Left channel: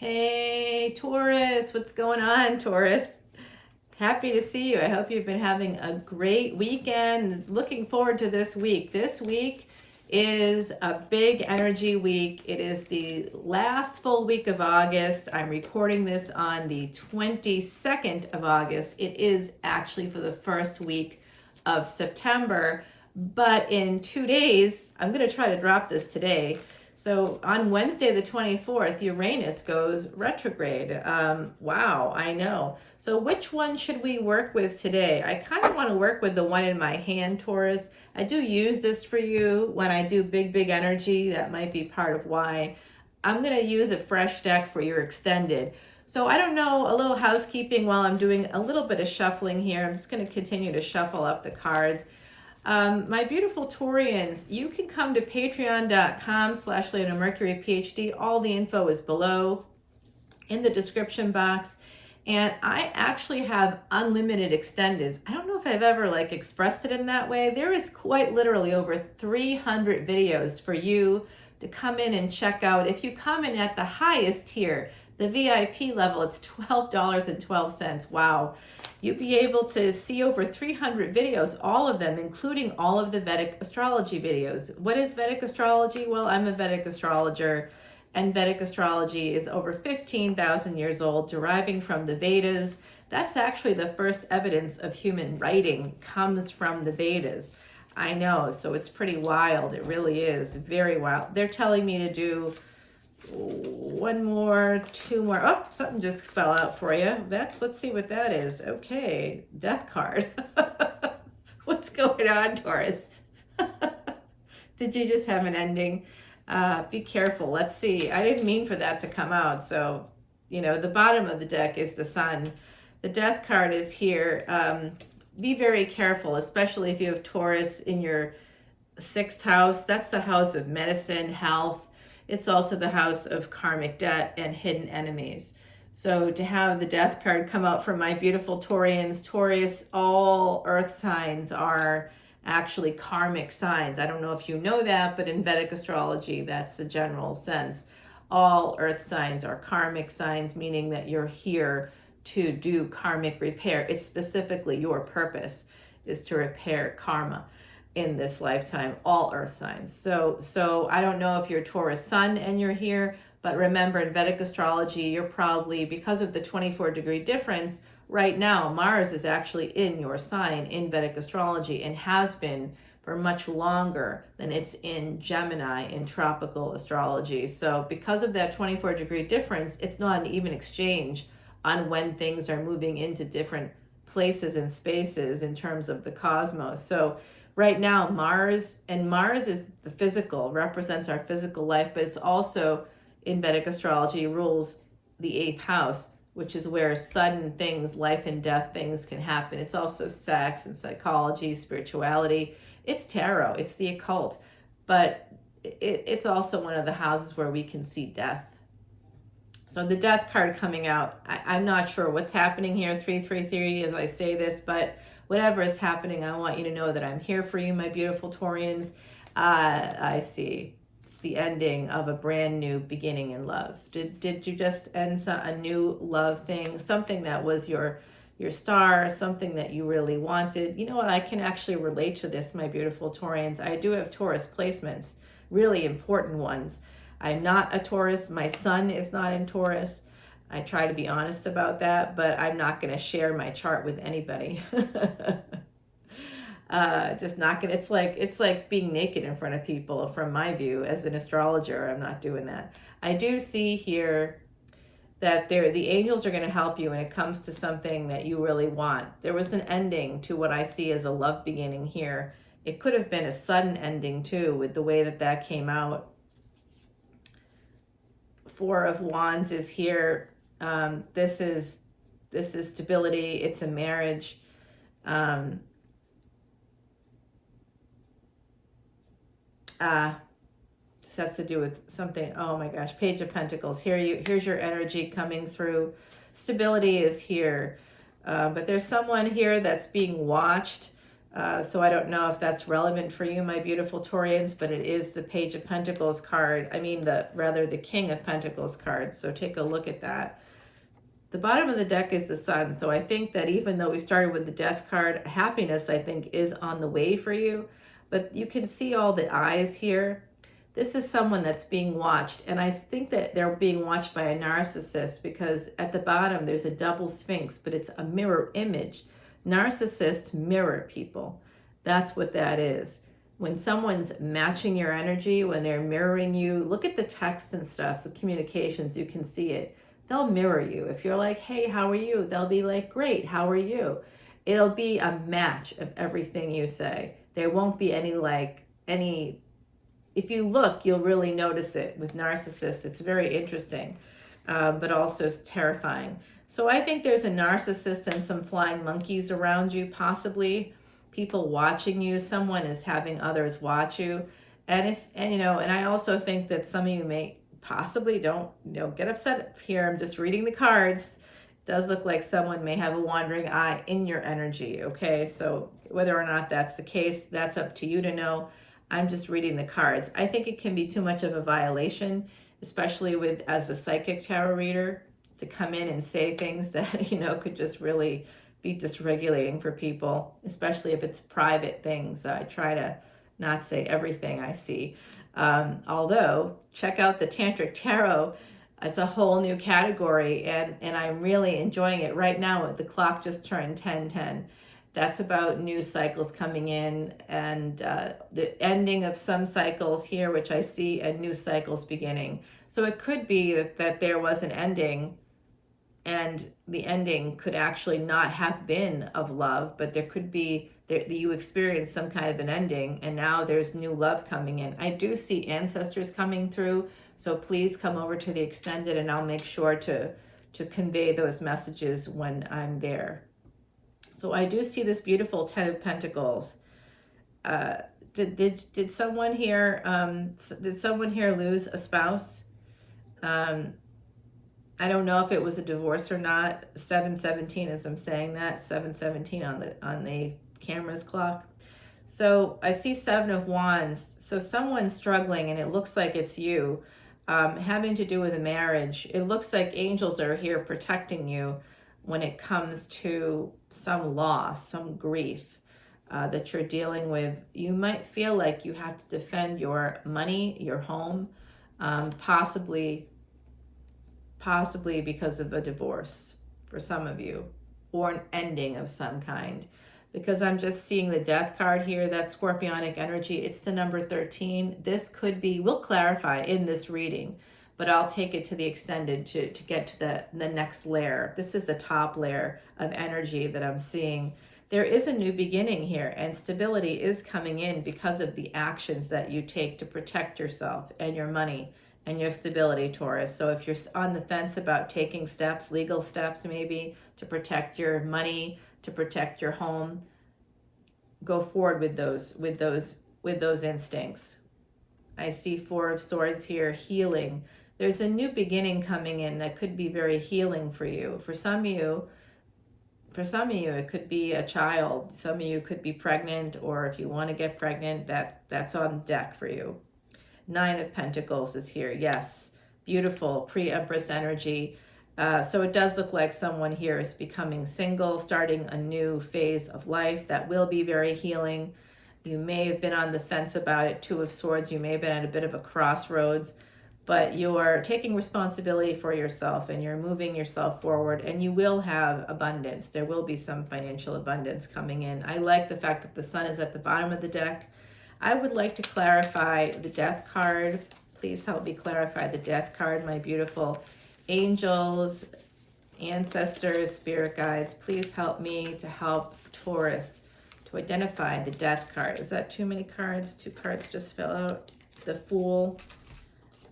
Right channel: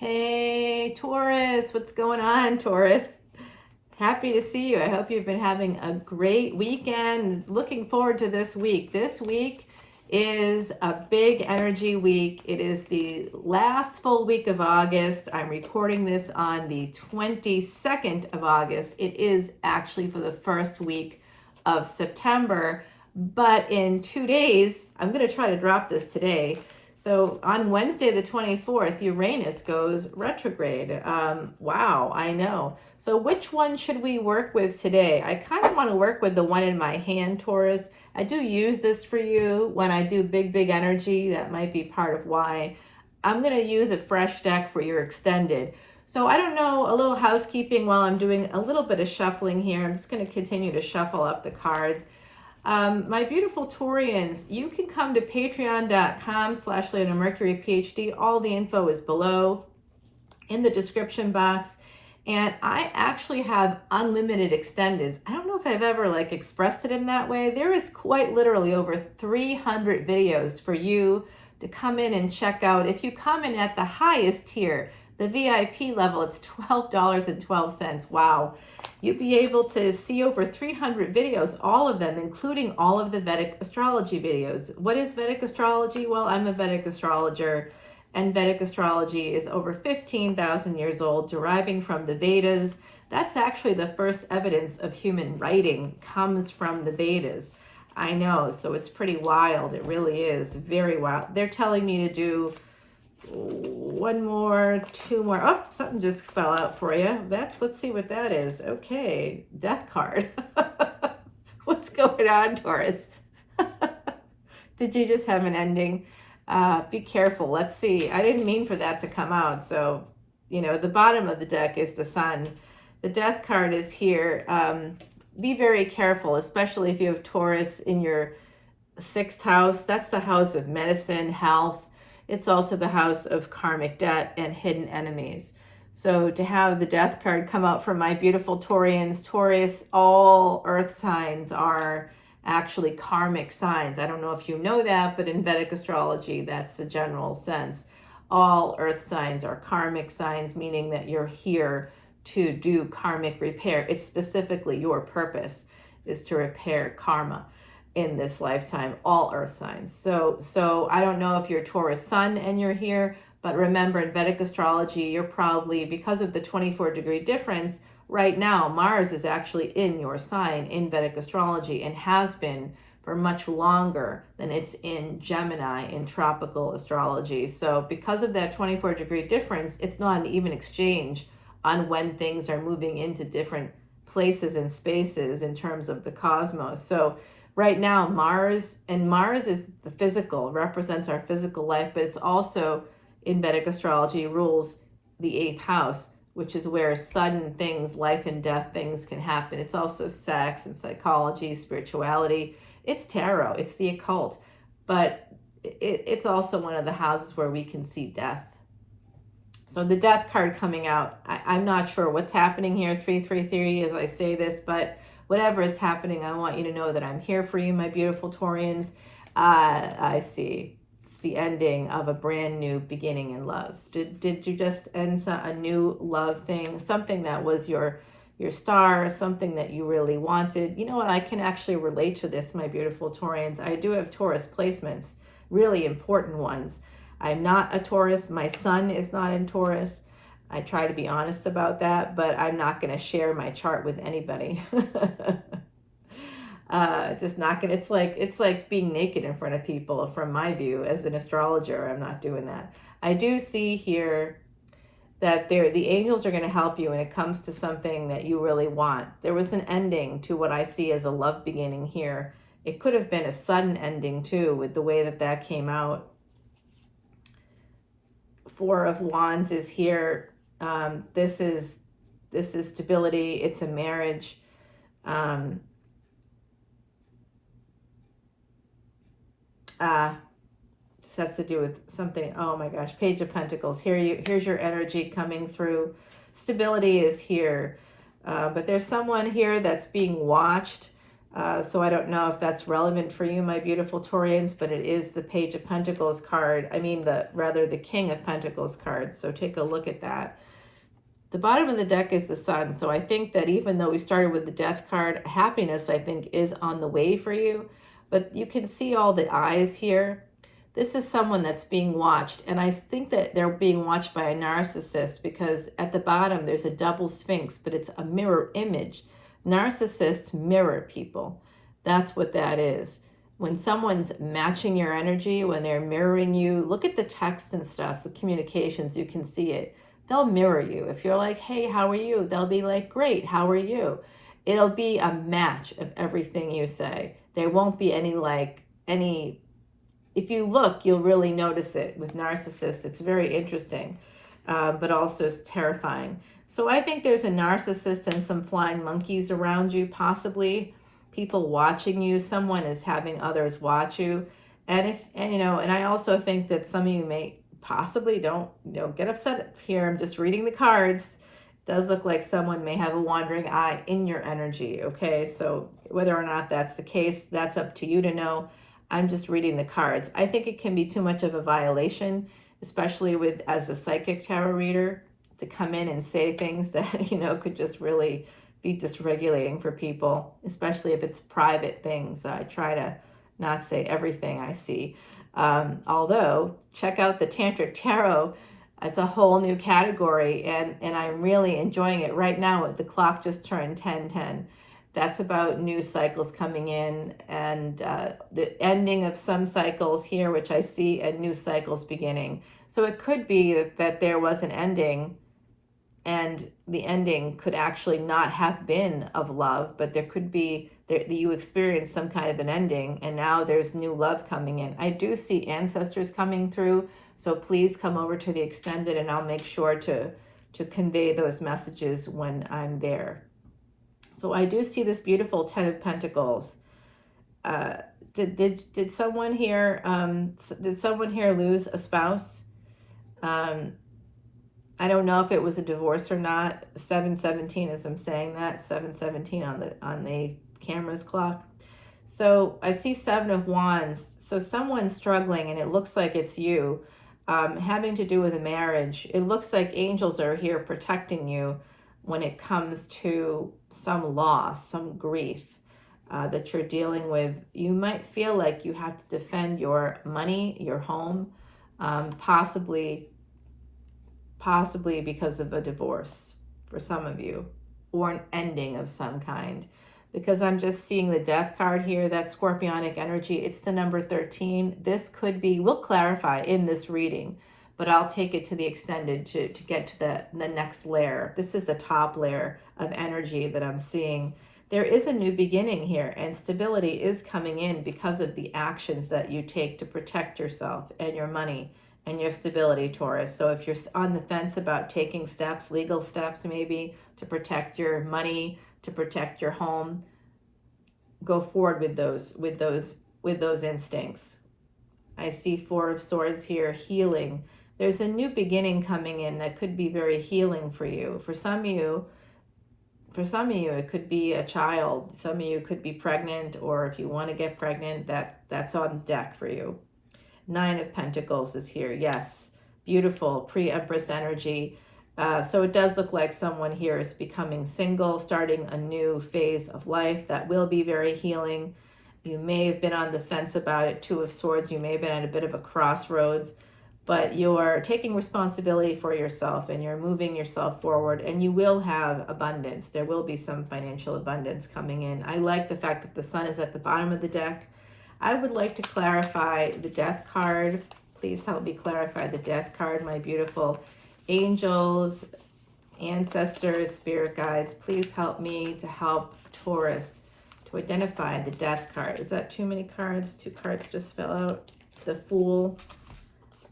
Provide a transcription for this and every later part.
Hey, Taurus, what's going on, Taurus? Happy to see you. I hope you've been having a great weekend. Looking forward to this week. This week is a big energy week. It is the last full week of August. I'm recording this on the 22nd of August. It is actually for the first week of September, but in 2 days, I'm going to try to drop this today. So on Wednesday, the 24th, Uranus goes retrograde. Wow, I know. So which one should we work with today? I kind of want to work with the one in my hand, Taurus. I do use this for you when I do big energy. That might be part of why. I'm going to use a fresh deck for your extended. So I don't know, a little housekeeping while I'm doing a little bit of shuffling here. I'm just going to continue to shuffle up the cards. My beautiful Taurians, you can come to patreon.com/leonamercuryphd. All the info is below in the description box. And I actually have unlimited extendeds. I don't know if I've ever expressed it in that way. There is quite literally over 300 videos for you to come in and check out. If you come in at the highest tier, the VIP level, it's $12.12. Wow. You'll be able to see over 300 videos, all of them, including all of the Vedic astrology videos. What is Vedic astrology? Well, I'm a Vedic astrologer, and Vedic astrology is over 15,000 years old, deriving from the Vedas. That's actually the first evidence of human writing comes from the Vedas. I know, so it's pretty wild. It really is very wild. They're telling me to do one more, two more. Oh, something just fell out for you. Let's see what that is. Okay, death card. What's going on, Taurus? Did you just have an ending? Be careful. Let's see. I didn't mean for that to come out. So, the bottom of the deck is the sun. The death card is here. Be very careful, especially if you have Taurus in your 6th house. That's the house of medicine, health. It's also the house of karmic debt and hidden enemies. So to have the death card come out for my beautiful Taurians, Taurus, all earth signs are actually karmic signs. I don't know if you know that, but in Vedic astrology, that's the general sense. All earth signs are karmic signs, meaning that you're here to do karmic repair. It's specifically your purpose is to repair karma in this lifetime, all earth signs. So I don't know if you're Taurus sun and you're here, but remember in Vedic astrology, you're probably, because of the 24-degree difference, right now, Mars is actually in your sign in Vedic astrology and has been for much longer than it's in Gemini in tropical astrology. So because of that 24-degree difference, it's not an even exchange on when things are moving into different places and spaces in terms of the cosmos. So right now, Mars is the physical, represents our physical life, but it's also, in Vedic astrology, rules the 8th house, which is where sudden things, life and death things can happen. It's also sex and psychology, spirituality. It's tarot, it's the occult, but it's also one of the houses where we can see death. So the death card coming out, I'm not sure what's happening here, 333 as I say this, but whatever is happening, I want you to know that I'm here for you, my beautiful Taurians. I see. It's the ending of a brand new beginning in love. Did you just end a new love thing? Something that was your star, something that you really wanted. You know what? I can actually relate to this, my beautiful Taurians. I do have Taurus placements, really important ones. I'm not a Taurus. My sun is not in Taurus. I try to be honest about that, but I'm not going to share my chart with anybody. Just not going to, it's like being naked in front of people from my view as an astrologer. I'm not doing that. I do see here that the angels are going to help you when it comes to something that you really want. There was an ending to what I see as a love beginning here. It could have been a sudden ending too with the way that came out. 4 of Wands is here. This is stability. It's a marriage. This has to do with something. Oh my gosh, Page of Pentacles. Here's your energy coming through. Stability is here, but there's someone here that's being watched. So I don't know if that's relevant for you, my beautiful Taurians, but it is the Page of Pentacles card. I mean, the King of Pentacles card. So take a look at that. The bottom of the deck is the Sun. So I think that even though we started with the Death card, happiness, I think, is on the way for you. But you can see all the eyes here. This is someone that's being watched. And I think that they're being watched by a narcissist, because at the bottom there's a double sphinx, but it's a mirror image. Narcissists mirror people. That's what that is. When someone's matching your energy, when they're mirroring you, look at the texts and stuff, the communications, you can see it. They'll mirror you. If you're like, hey, how are you? They'll be like, great, how are you? It'll be a match of everything you say. There won't be any, if you look, you'll really notice it. With narcissists, it's very interesting, but also terrifying. So I think there's a narcissist and some flying monkeys around you, possibly people watching you. Someone is having others watch you. And I also think that some of you may possibly, don't get upset here. I'm just reading the cards. It does look like someone may have a wandering eye in your energy. Okay. So whether or not that's the case, that's up to you to know. I'm just reading the cards. I think it can be too much of a violation, especially as a psychic tarot reader, to come in and say things that, could just really be dysregulating for people, especially if it's private things. I try to not say everything I see. Although, check out the Tantric Tarot. It's a whole new category, and I'm really enjoying it right now. The clock just turned 10:10. That's about new cycles coming in, and the ending of some cycles here, which I see, and new cycles beginning. So it could be that there was an ending, and the ending could actually not have been of love, but there could be, you experienced some kind of an ending, and now there's new love coming in. I do see ancestors coming through, so please come over to the extended, and I'll make sure to convey those messages when I'm there. So I do see this beautiful Ten of Pentacles. Did someone here lose a spouse? I don't know if it was a divorce or not. 717, as I'm saying that, 717 on the camera's clock. So I see Seven of Wands. So someone's struggling, and it looks like it's you, having to do with a marriage. It looks like angels are here protecting you when it comes to some loss, some grief that you're dealing with. You might feel like you have to defend your money, your home, possibly because of a divorce for some of you, or an ending of some kind. Because I'm just seeing the Death card here, that scorpionic energy. It's the number 13. This could be, we'll clarify in this reading, but I'll take it to the extended to get to the next layer. This is the top layer of energy that I'm seeing. There is a new beginning here, and stability is coming in because of the actions that you take to protect yourself and your money and your stability, Taurus. So if you're on the fence about taking steps, legal steps maybe, to protect your money, to protect your home, go forward with those instincts. I see Four of Swords here, healing. There's a new beginning coming in that could be very healing for you. For some of you, it could be a child. Some of you could be pregnant, or if you want to get pregnant, that's on deck for you. Nine of Pentacles is here. Yes, beautiful pre-Empress energy. So it does look like someone here is becoming single, starting a new phase of life that will be very healing. You may have been on the fence about it. Two of Swords, you may have been at a bit of a crossroads, but you're taking responsibility for yourself, and you're moving yourself forward, and you will have abundance. There will be some financial abundance coming in. I like the fact that the Sun is at the bottom of the deck. I would like to clarify the Death card. Please help me clarify the Death card, my beautiful angels, ancestors, spirit guides. Please help me to help Taurus to identify the Death card. Is that too many cards? Two cards just fell out. The Fool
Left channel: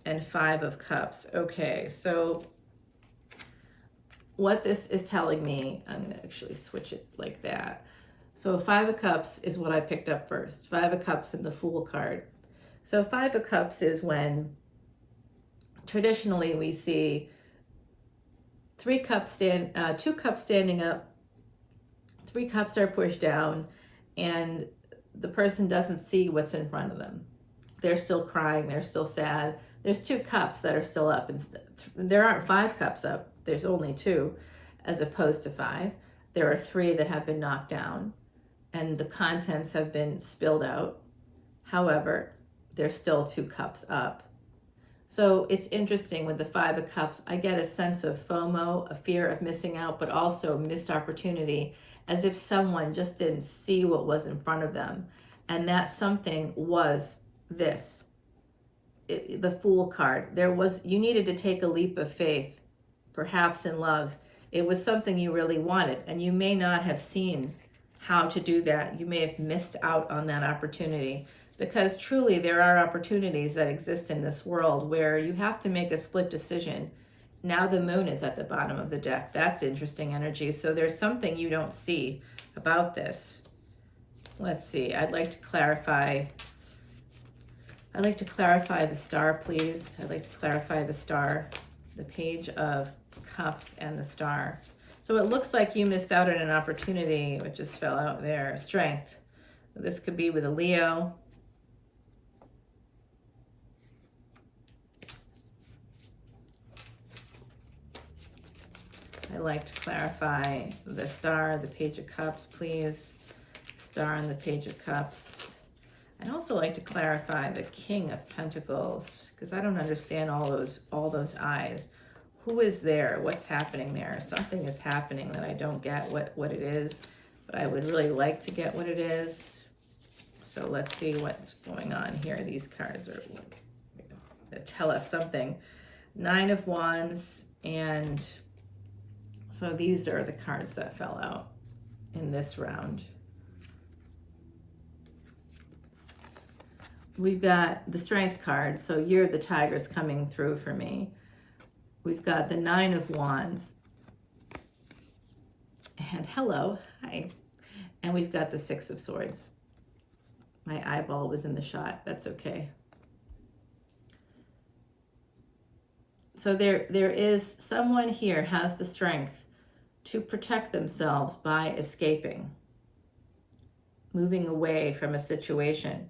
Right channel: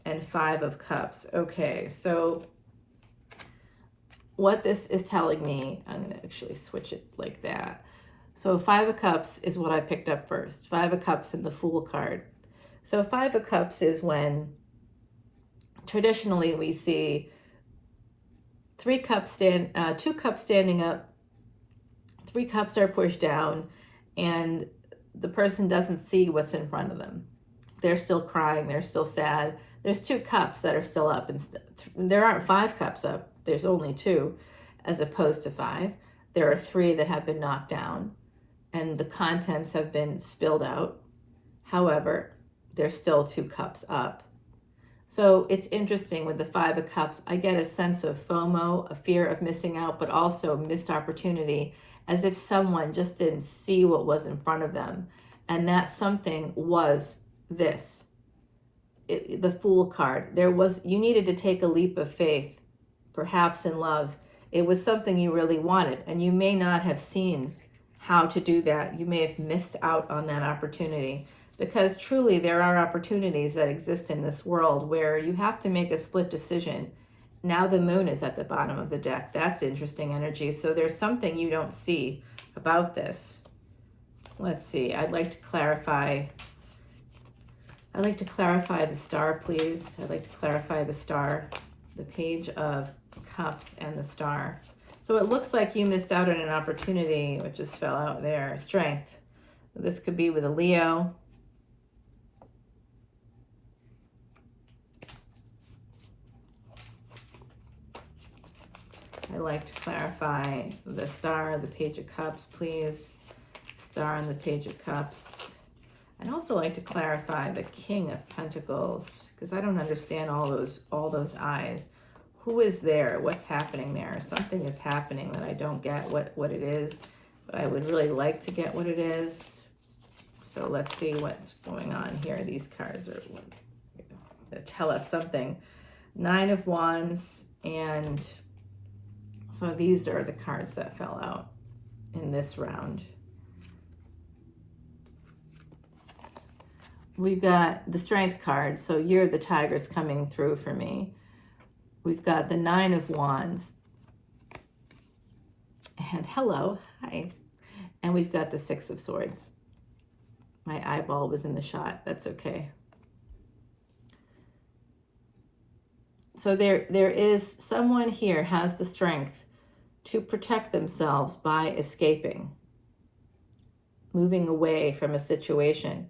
and Five of Cups. Okay, so what this is telling me, I'm going to actually switch it like that. So Five of Cups is what I picked up first. Five of Cups and the Fool card. So Five of Cups is when traditionally we see two cups standing up, 3 cups are pushed down, and the person doesn't see what's in front of them. They're still crying, they're still sad. There's 2 cups that are still up. There aren't 5 cups up, there's only 2 as opposed to 5. There are 3 that have been knocked down and the contents have been spilled out. However, there's still 2 cups up. So it's interesting with the 5 of Cups, I get a sense of FOMO, a fear of missing out, but also missed opportunity, as if someone just didn't see what was in front of them. And that something was this, the Fool card. You needed to take a leap of faith, perhaps in love. It was something you really wanted, and you may not have seen how to do that. You may have missed out on that opportunity. Because truly there are opportunities that exist in this world where you have to make a split decision. Now the moon is at the bottom of the deck. That's interesting energy. So there's something you don't see about this. Let's see. I'd like to clarify the star, please. I'd like to clarify the star, the Page of Cups and the star. So it looks like you missed out on an opportunity, which just fell out there. Strength. This could be with a Leo. I'd like to clarify the star, the Page of Cups, please. Star and the Page of Cups. I'd also like to clarify the King of Pentacles, because I don't understand all those eyes. Who is there? What's happening there? Something is happening that I don't get what it is, but I would really like to get what it is. So let's see what's going on here. These cards are tell us something. 9 of Wands, and so these are the cards that fell out in this round. We've got the Strength card, so Year of the Tiger's coming through for me. We've got the 9 of Wands. And hello, hi. And we've got the 6 of Swords. My eyeball was in the shot, that's okay. So there is someone here has the strength to protect themselves by escaping, moving away from a situation.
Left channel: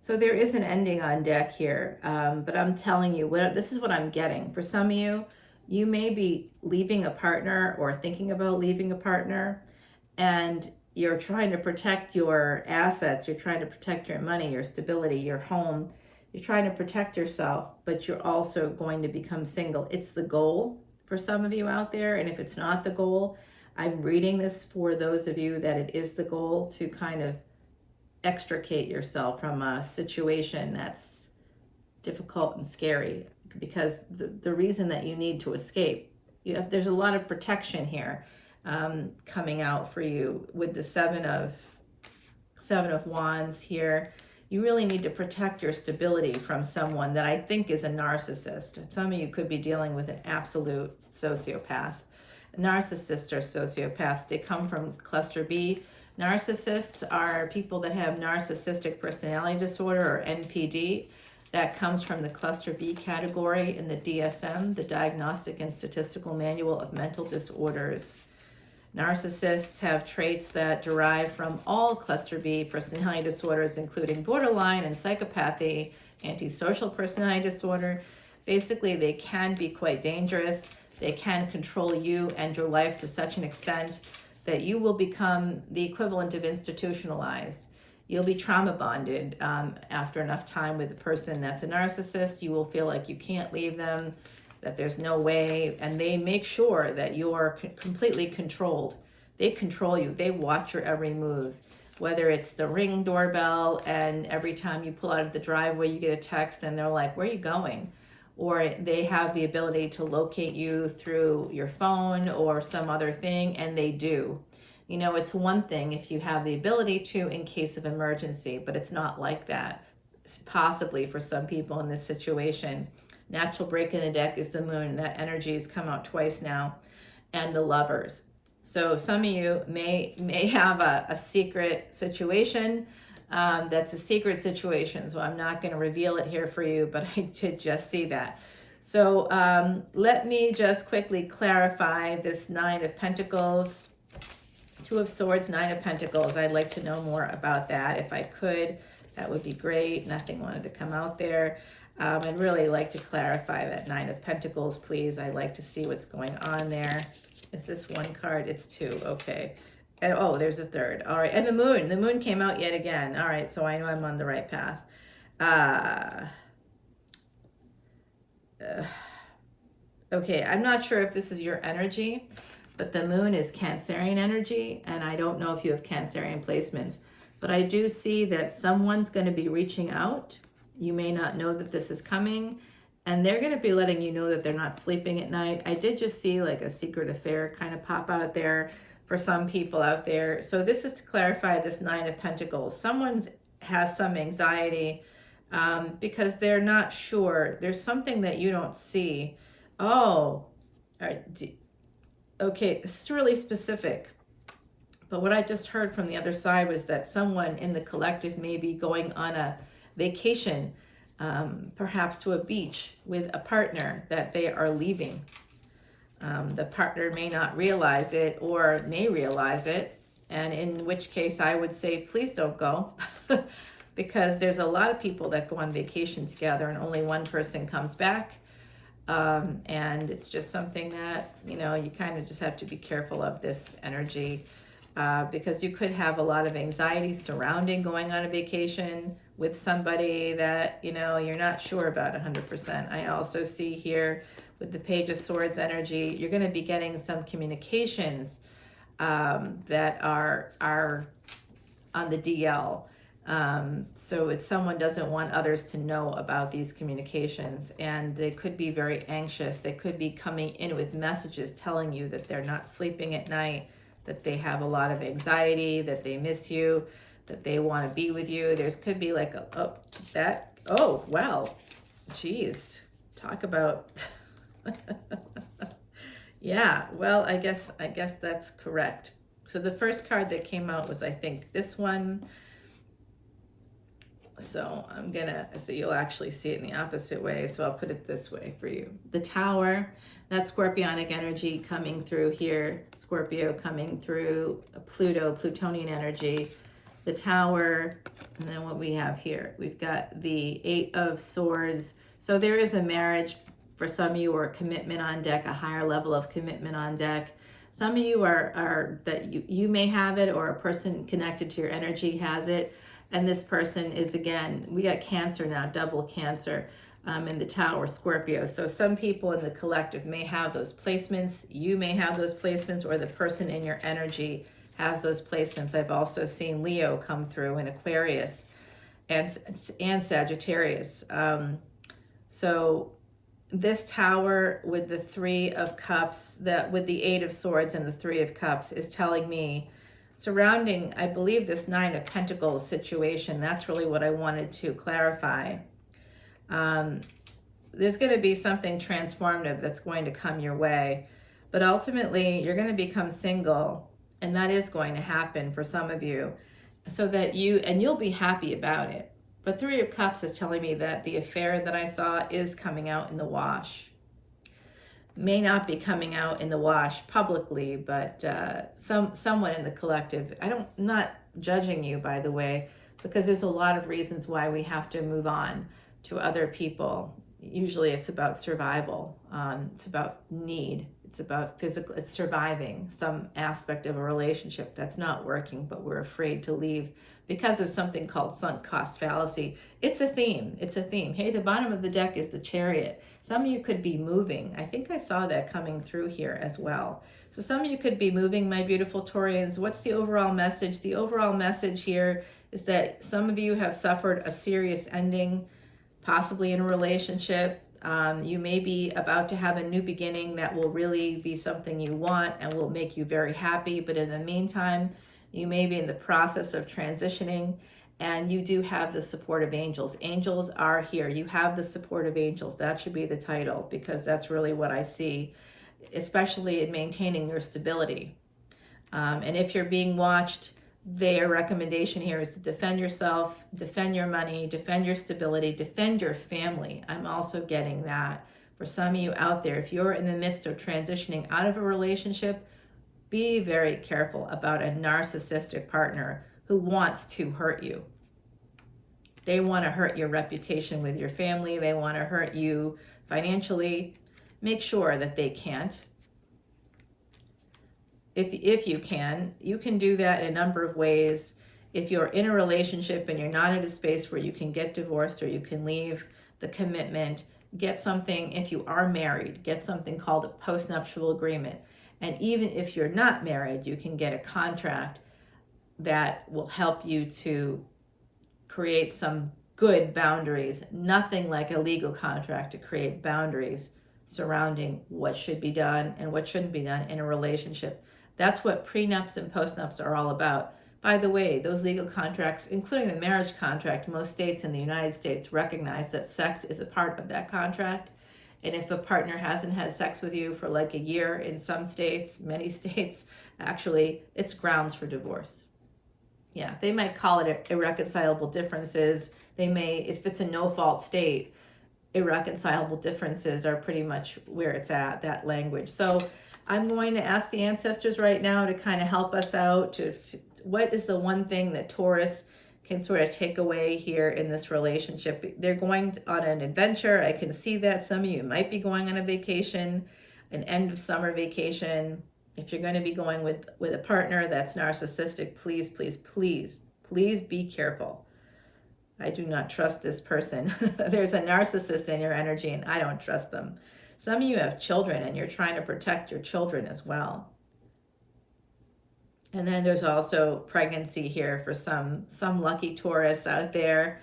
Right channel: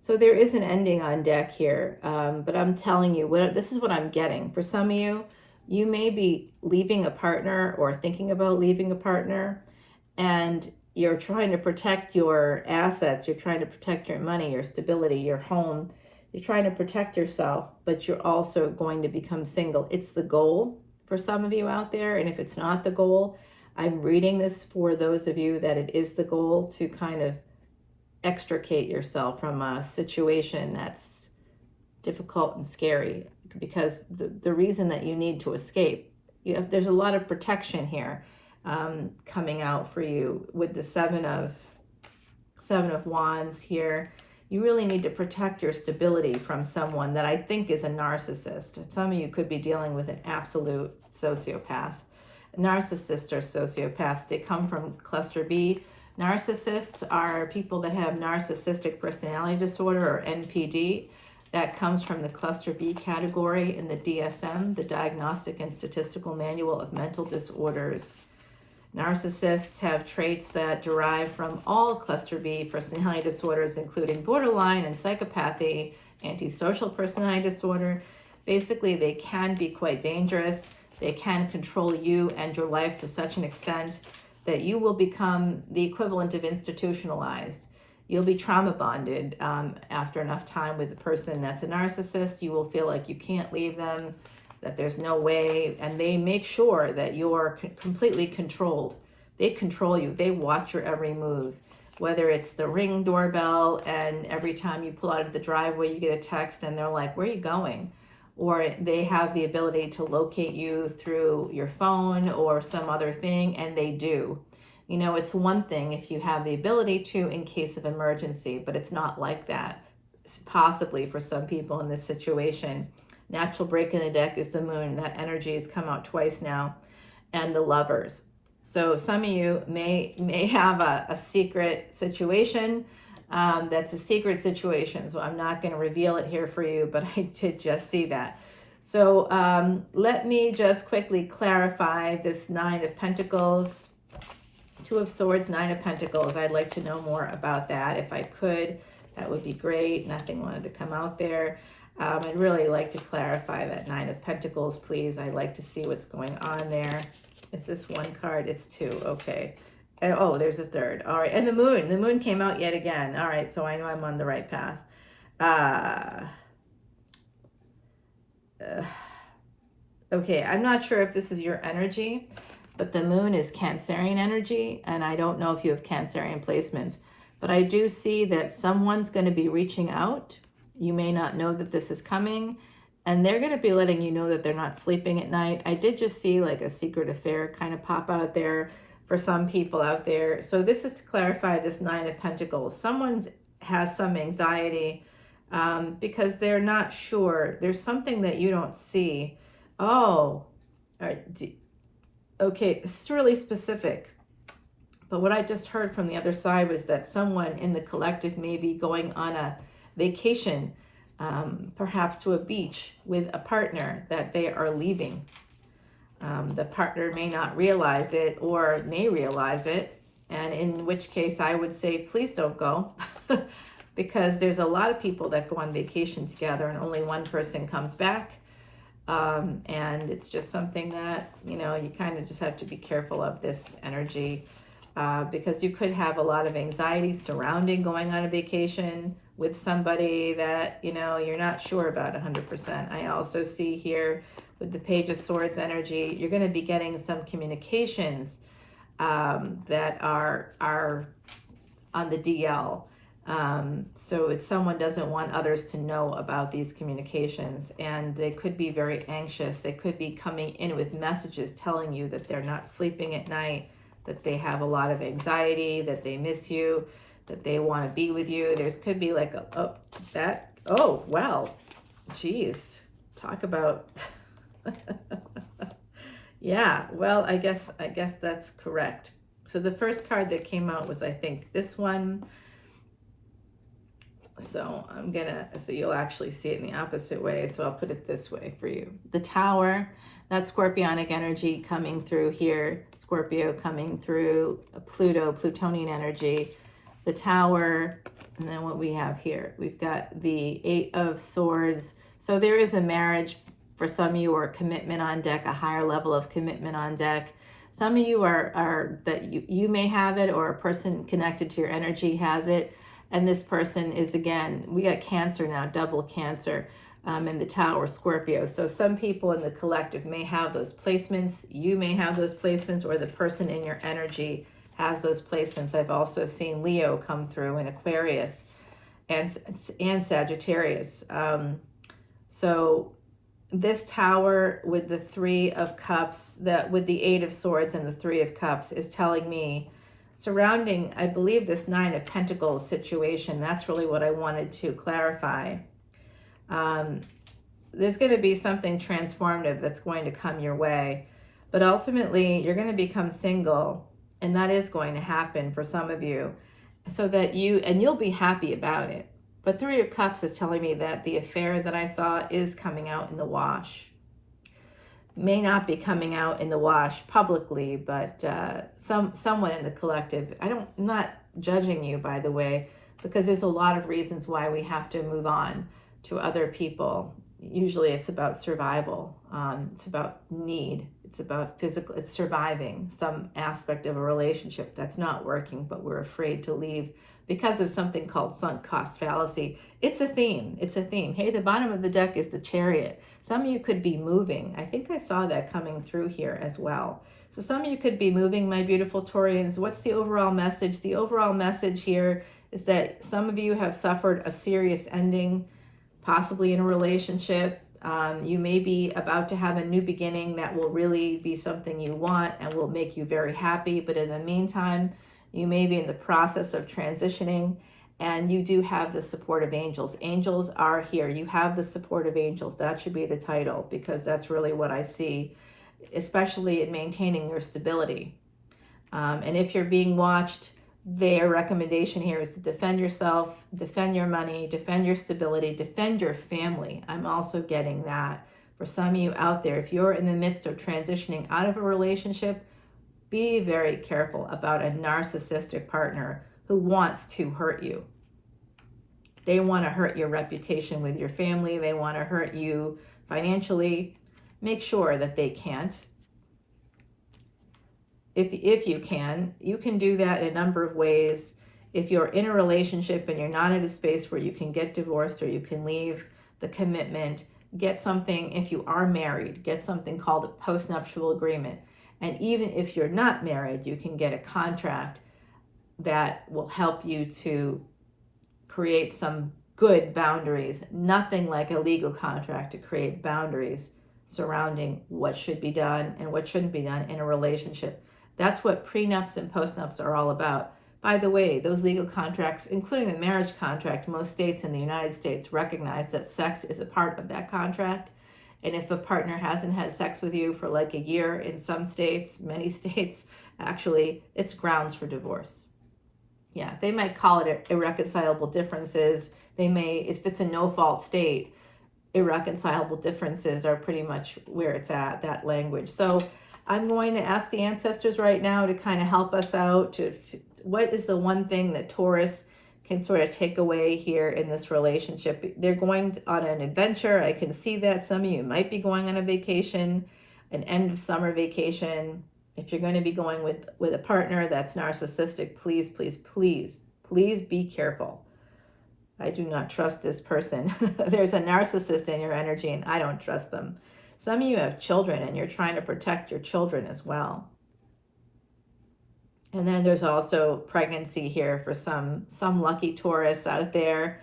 So there is an ending on deck here, but I'm telling you, this is what I'm getting. For some of you, you may be leaving a partner or thinking about leaving a partner, and you're trying to protect your assets, you're trying to protect your money, your stability, your home. You're trying to protect yourself, but you're also going to become single. It's the goal for some of you out there, and if it's not the goal, I'm reading this for those of you that it is the goal to kind of extricate yourself from a situation that's difficult and scary, because the reason that you need to escape, there's a lot of protection here coming out for you with the seven of Wands here. You really need to protect your stability from someone that I think is a narcissist. Some of you could be dealing with an absolute sociopath. Narcissists are sociopaths. They come from cluster B. Narcissists are people that have narcissistic personality disorder, or NPD. That comes from the cluster B category in the DSM, the Diagnostic and Statistical Manual of Mental Disorders. Narcissists have traits that derive from all cluster B personality disorders, including borderline and psychopathy, antisocial personality disorder. Basically, they can be quite dangerous. They can control you and your life to such an extent that you will become the equivalent of institutionalized. You'll be trauma bonded after enough time with a person that's a narcissist. You will feel like you can't leave them, that there's no way, and they make sure that you're completely controlled. They control you. They watch your every move, whether it's the Ring doorbell, and every time you pull out of the driveway, you get a text and they're like, where are you going? Or they have the ability to locate you through your phone or some other thing, and they do. You know, it's one thing if you have the ability to in case of emergency, but it's not like that, possibly for some people in this situation. Natural break in the deck is the moon. That energy has come out twice now. And the Lovers. So some of you may have a secret situation that's a secret situation. So I'm not going to reveal it here for you, but I did just see that. So let me just quickly clarify this 9 of Pentacles. Two of Swords, Nine of Pentacles. I'd like to know more about that. If I could, that would be great. Nothing wanted to come out there. I'd really like to clarify that Nine of Pentacles, please. I'd like to see what's going on there. Is this one card? It's two. Okay. And, oh, there's a third. All right. And the moon. The moon came out yet again. All right. So I know I'm on the right path. Okay. I'm not sure if this is your energy, but the moon is Cancerian energy. And I don't know if you have Cancerian placements, but I do see that someone's going to be reaching out. You may not know that this is coming, and they're going to be letting you know that they're not sleeping at night. I did just see like a secret affair kind of pop out there for some people out there. So this is to clarify this Nine of Pentacles. Someone has some anxiety because they're not sure. There's something that you don't see. Oh, all right. Okay, this is really specific. But what I just heard from the other side was that someone in the collective may be going on a vacation, perhaps to a beach with a partner that they are leaving. The partner may not realize it or may realize it, and in which case I would say, please don't go, because there's a lot of people that go on vacation together and only one person comes back. And it's just something that, you know, you kind of just have to be careful of this energy. Because you could have a lot of anxiety surrounding going on a vacation with somebody that, you know, you're not sure about 100%. I also see here with the Page of Swords energy, you're going to be getting some communications that are on the DL. So if someone doesn't want others to know about these communications, and they could be very anxious. They could be coming in with messages telling you that they're not sleeping at night, that they have a lot of anxiety, that they miss you, that they want to be with you. There's could be like oh, wow, geez, talk about, yeah, well, I guess that's correct. So the first card that came out was, I think, this one. So so you'll actually see it in the opposite way. So I'll put it this way for you. The Tower, that's Scorpionic energy coming through here. Scorpio coming through, Pluto, Plutonian energy. The Tower, and then what we have here, we've got the Eight of Swords. So there is a marriage for some of you, or commitment on deck, a higher level of commitment on deck. Some of you are that you may have it, or a person connected to your energy has it. And this person is, again, we got Cancer now, double Cancer in the Tower, Scorpio. So some people in the collective may have those placements. You may have those placements, or the person in your energy has those placements. I've also seen Leo come through in Aquarius and Sagittarius. So this Tower with the Three of Cups, with the Eight of Swords and the Three of Cups, is telling me, surrounding, I believe, this Nine of Pentacles situation, that's really what I wanted to clarify. There's going to be something transformative that's going to come your way, but ultimately you're going to become single, and that is going to happen for some of you, so that you'll be happy about it. But Three of Cups is telling me that the affair that I saw is coming out in the wash. May not be coming out in the wash publicly, but someone in the collective. I'm not judging you, by the way, because there's a lot of reasons why we have to move on to other people. Usually it's about survival. It's about need. It's about physical. It's surviving some aspect of a relationship that's not working, but we're afraid to leave because of something called sunk cost fallacy. It's a theme. It's a theme. Hey, the bottom of the deck is the Chariot. Some of you could be moving. I think I saw that coming through here as well. So some of you could be moving, my beautiful Taurians. What's the overall message? The overall message here is that some of you have suffered a serious ending, possibly in a relationship. You may be about to have a new beginning that will really be something you want and will make you very happy. But in the meantime, you may be in the process of transitioning, and you do have the support of angels. Angels are here. You have the support of angels. That should be the title, because that's really what I see, especially in maintaining your stability. And if you're being watched, their recommendation here is to defend yourself, defend your money, defend your stability, defend your family. I'm also getting that for some of you out there. If you're in the midst of transitioning out of a relationship, Be very careful about a narcissistic partner who wants to hurt you. They want to hurt your reputation with your family. They want to hurt you financially. Make sure that they can't. If you can do that in a number of ways. If you're in a relationship and you're not at a space where you can get divorced or you can leave the commitment, get something. If you are married, get something called a postnuptial agreement. And even if you're not married, you can get a contract that will help you to create some good boundaries. Nothing like a legal contract to create boundaries surrounding what should be done and what shouldn't be done in a relationship. That's what prenups and postnups are all about. By the way, those legal contracts, including the marriage contract, most states in the United States recognize that sex is a part of that contract. And if a partner hasn't had sex with you for like a year, in some states, many states, actually, it's grounds for divorce. Yeah, they might call it irreconcilable differences. They may, if it's a no-fault state, irreconcilable differences are pretty much where it's at, that language. So I'm going to ask the ancestors right now to kind of help us out. What is the one thing that Taurus can sort of take away here in this relationship? They're going on an adventure. I can see that. Some of you might be going on a vacation, an end of summer vacation. If you're going to be going with a partner that's narcissistic, please, please, please, please be careful. I do not trust this person. There's a narcissist in your energy and I don't trust them. Some of you have children and you're trying to protect your children as well. And then there's also pregnancy here for some lucky Taurus out there.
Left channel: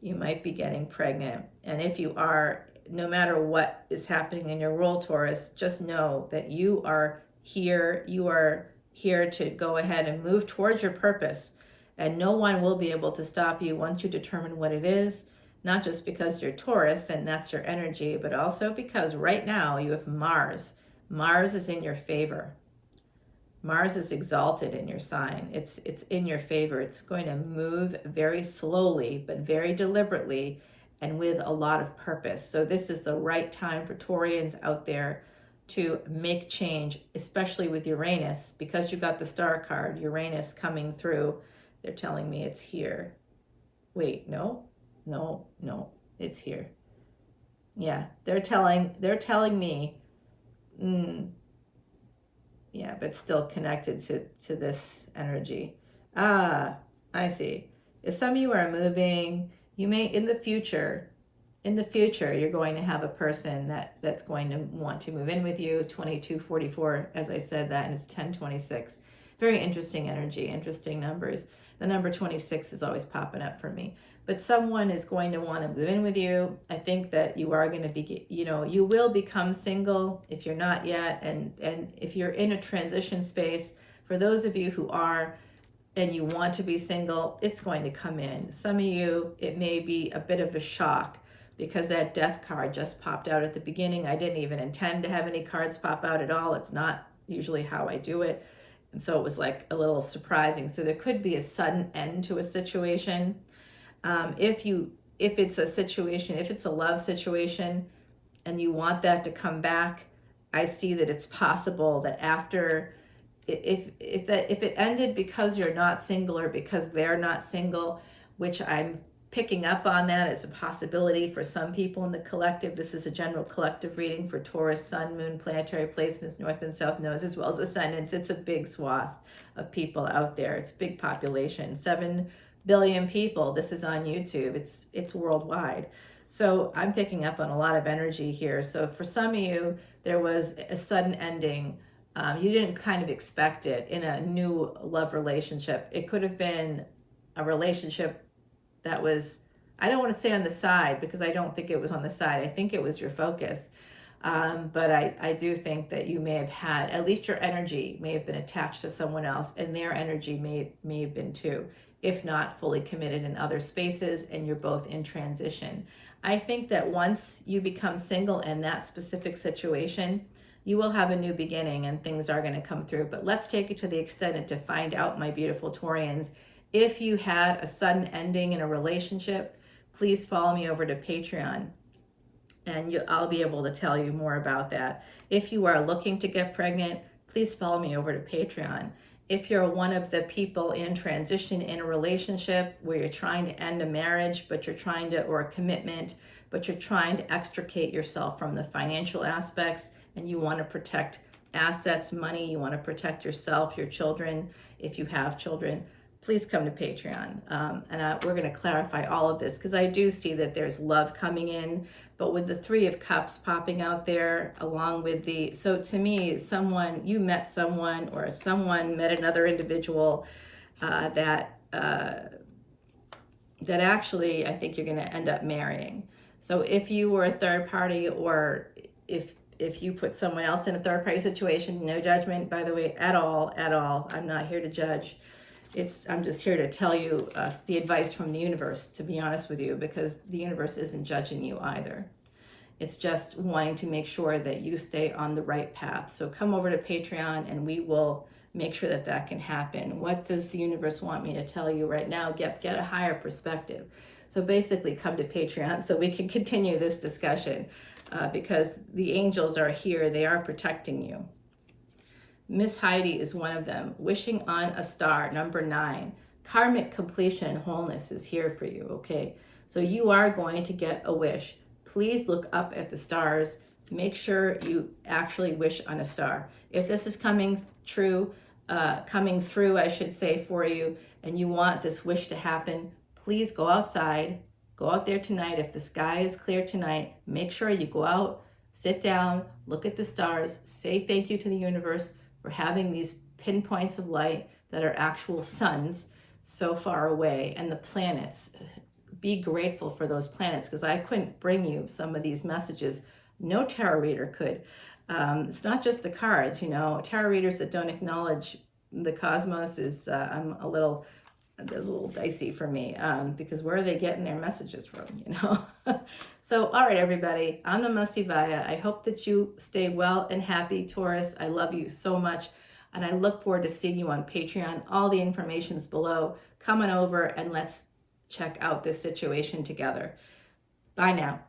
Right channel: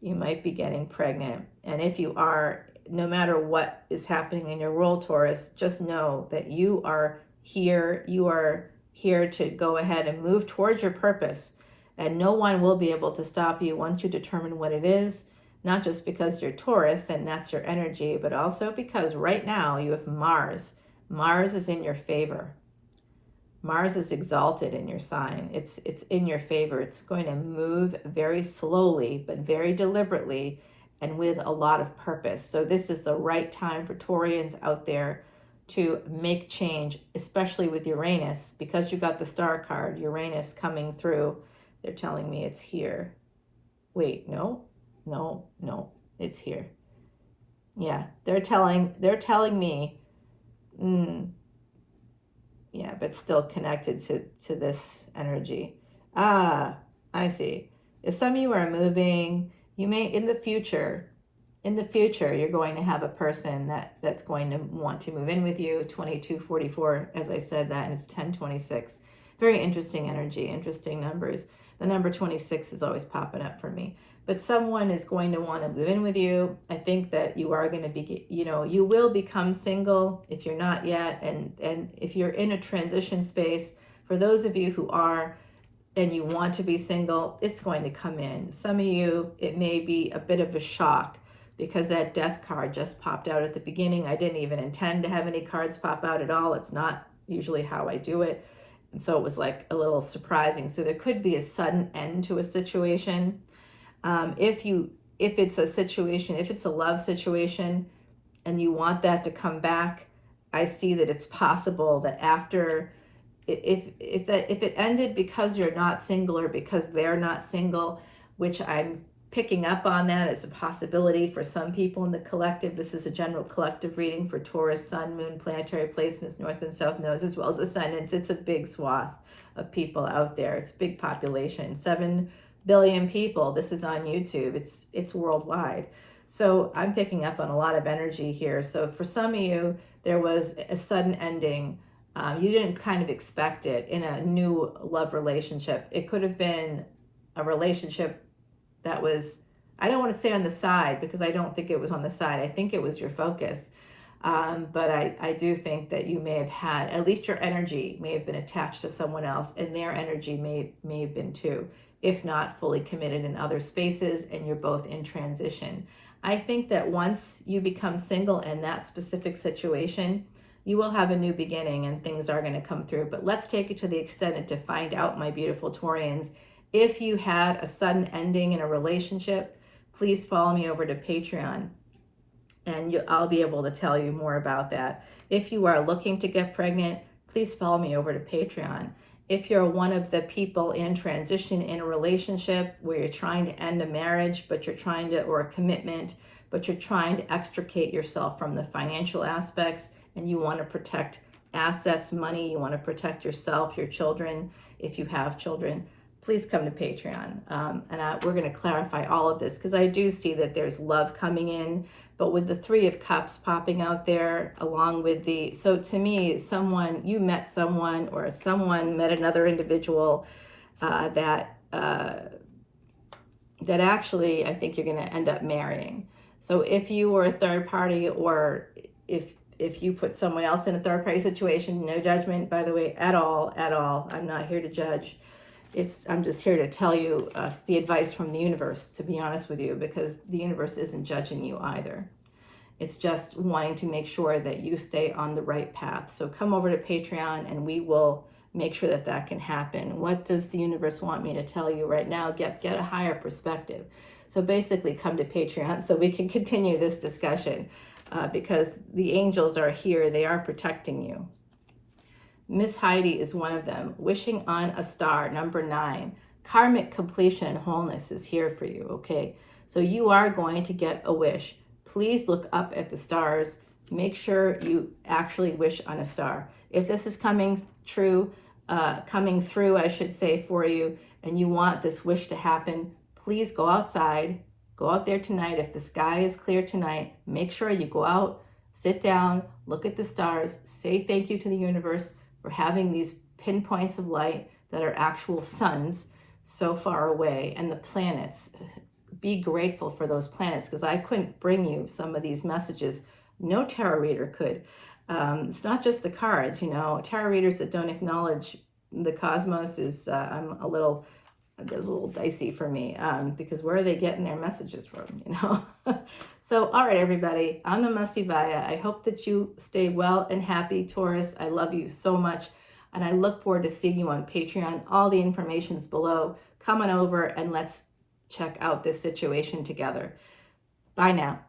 You might be getting pregnant. And if you are, no matter what is happening in your world, Taurus, just know that you are here. You are here to go ahead and move towards your purpose. And no one will be able to stop you once you determine what it is. Not just because you're Taurus and that's your energy, but also because right now you have Mars. Mars is in your favor. Mars is exalted in your sign. It's in your favor. It's going to move very slowly, but very deliberately and with a lot of purpose. So this is the right time for Taurians out there to make change, especially with Uranus, because you got the star card, Uranus coming through. They're telling me it's here. Wait, no, it's here. Yeah, they're telling me, yeah, but still connected to this energy. Ah, I see. If some of you are moving, you may, in the future, you're going to have a person that's going to want to move in with you. 2244, as I said that, and it's 1026. Very interesting energy, interesting numbers. The number 26 is always popping up for me. But someone is going to want to move in with you. I think that you are going to be, you will become single if you're not yet. And if you're in a transition space, for those of you who are and you want to be single, it's going to come in. Some of you, it may be a bit of a shock because that death card just popped out at the beginning. I didn't even intend to have any cards pop out at all. It's not usually how I do it. And so it was like a little surprising. So there could be a sudden end to a situation. If it's a situation, if it's a love situation and you want that to come back, I see that it's possible that after, if it ended because you're not single or because they're not single, which I'm picking up on that as a possibility for some people in the collective. This is a general collective reading for Taurus, Sun, Moon, planetary placements, North and South nodes, as well as ascendants. It's a big swath of people out there. It's a big population, 7 billion people. This is on YouTube. It's worldwide. So I'm picking up on a lot of energy here. So for some of you, there was a sudden ending. You didn't kind of expect it in a new love relationship. It could have been a relationship that was, I don't want to say on the side because I don't think it was on the side. I think it was your focus. But I do think that you may have had, at least your energy may have been attached to someone else and their energy may have been too, if not fully committed in other spaces and you're both in transition. I think that once you become single in that specific situation, you will have a new beginning and things are going to come through. But let's take it to the extent to find out, my beautiful Taurians, if you had a sudden ending in a relationship, please follow me over to Patreon and I'll be able to tell you more about that. If you are looking to get pregnant, please follow me over to Patreon. If you're one of the people in transition in a relationship where you're trying to end a marriage, but you're trying to, or a commitment, but you're trying to extricate yourself from the financial aspects, and you want to protect assets, money, you want to protect yourself, your children, if you have children, please come to Patreon. We're going to clarify all of this, because I do see that there's love coming in, but with the Three of Cups popping out there along with the, so to me, you met someone, or someone met another individual that actually I think you're going to end up marrying. So if you were a third party, or if you put someone else in a third party situation, no judgment, by the way, at all. I'm not here to judge. I'm just here to tell you the advice from the universe, to be honest with you, because the universe isn't judging you either. It's just wanting to make sure that you stay on the right path. So come over to Patreon and we will make sure that that can happen. What does the universe want me to tell you right now? Get a higher perspective. So basically come to Patreon so we can continue this discussion because the angels are here. They are protecting you. Miss Heidi is one of them. Wishing on a star, number 9. Karmic completion and wholeness is here for you, okay? So you are going to get a wish. Please look up at the stars. Make sure you actually wish on a star. If this is coming through, I should say, for you, and you want this wish to happen, please go outside. Go out there tonight. If the sky is clear tonight, make sure you go out, sit down, look at the stars, say thank you to the universe for having these pinpoints of light that are actual suns so far away, and the planets. Be grateful for those planets, because I couldn't bring you some of these messages. No tarot reader could. It's not just the cards, tarot readers that don't acknowledge the cosmos is there's a little dicey for me, because where are they getting their messages from, So, all right, everybody, I'm Namaste Vaya. I hope that you stay well and happy, Taurus. I love you so much, and I look forward to seeing you on Patreon. All the information's below. Come on over and let's check out this situation together. Bye now.